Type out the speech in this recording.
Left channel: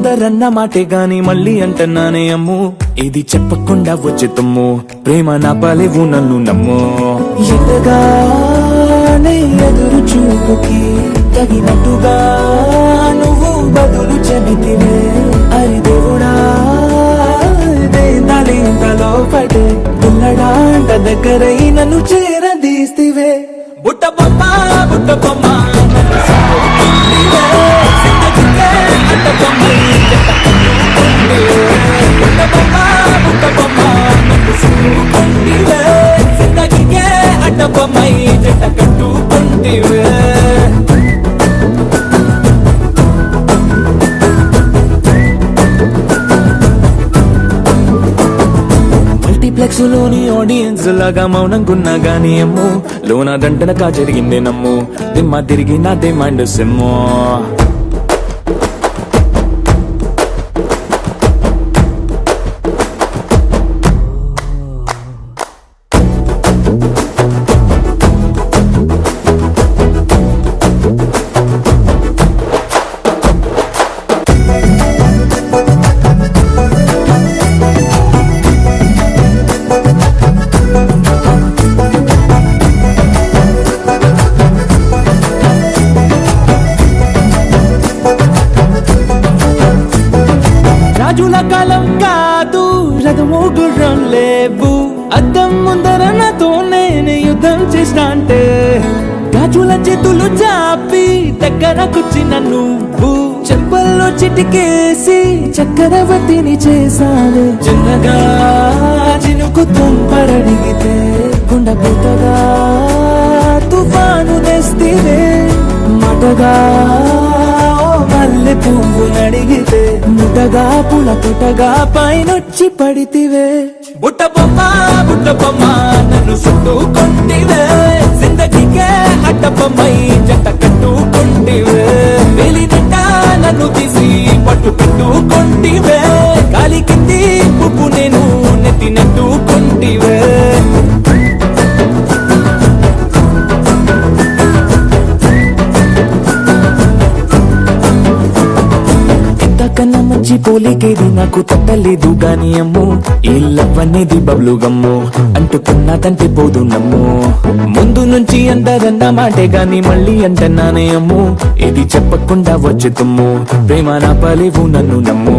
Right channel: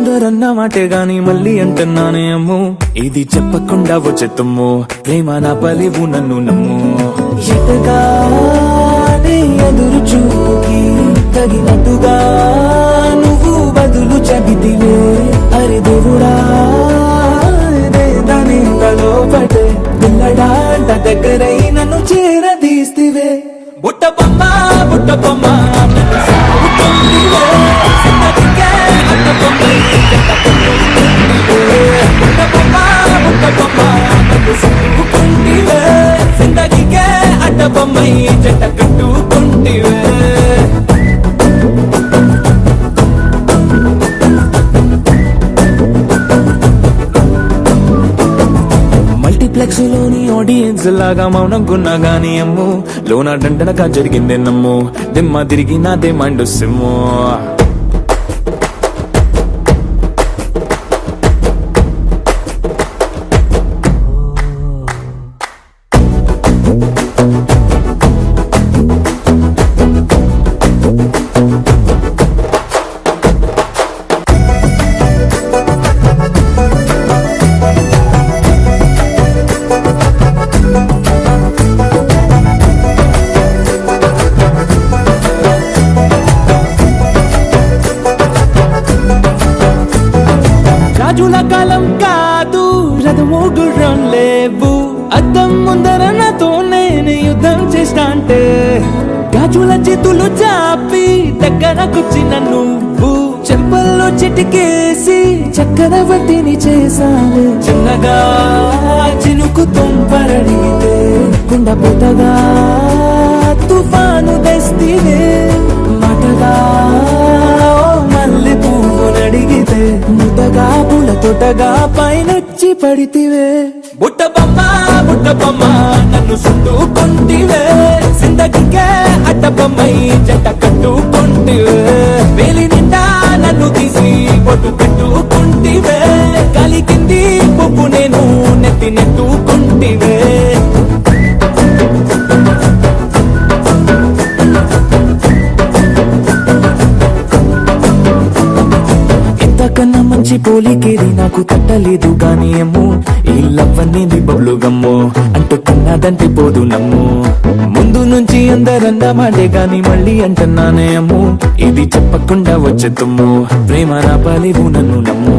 అందరన్న మాటే గాని మళ్ళీ అంటున్నానే అమ్ము, ఇది చెప్పకుండా వచ్చేతుమ్ము, ప్రేమ నా పలివు నన్ను నమ్ము. ఎటగానే ఎదురు చూకి తగినట్టుగా నువ్వు బదులు చెబితివే. అరి దేవుడా దానిలో పడే పిల్లడాంట దగ్గరై నన్ను చేరదీస్తివే. బుట్ట బొమ్మ బుట్ట బొమ్మ అడ్డ బొమ్మై జంట కట్టుకుంటివే. మల్టీప్లెక్స్ లోని ఆడియన్స్ లాగా మౌనంకున్నా గానీ అమ్ము, లోన దండనగా జరిగిందే నమ్ము, దిమ్మ తిరిగి నాది మైండ్ సిమ్ము. రాజుల కాలం కాదు, రథము గుర్రం లేవు, అద్దం ముందర నాతో నేను యుద్ధం చేస్తా అంటే, గాజుల చేతులు చాపి దగ్గరకొచ్చిన నువ్వు, చెంపల్లో చిటికేసి చక్రవర్తిని చేసావే. చిన్నగా చినుకు తుంపరడిగితే కొండ పుట్టగా తుఫాను తెస్తివే. మాటగా మల్లె పువ్వు నడిగితే ముదగా పుల తొటగా పైనొచ్చి పడితివే. బుట్ట బొమ్మ నన్ను చుట్టుకుంటివే. జిందగీకే అడ్డ బొమ్మై జంట కట్టుకుంటివే. వేలి నిండా నన్ను తీసి పట్టు పెట్టుకుంటివే. కాలి కింది పువ్వు నేను నెత్తినట్టుకుంటివే. పోలికేది నాకు తట్టలేదు కానీ అమ్ము, ఈ లవ్ అనేది బబ్లు గమ్ము, అంటుకున్నదంటే పోదు నమ్ము. ముందు నుంచి అందరన్న మాటే గాని మళ్ళీ అంటున్నానే అమ్ము, ఇది చెప్పకుండా వచ్చే తుమ్ము, ప్రేమ నా పలివు నన్ను నమ్ము.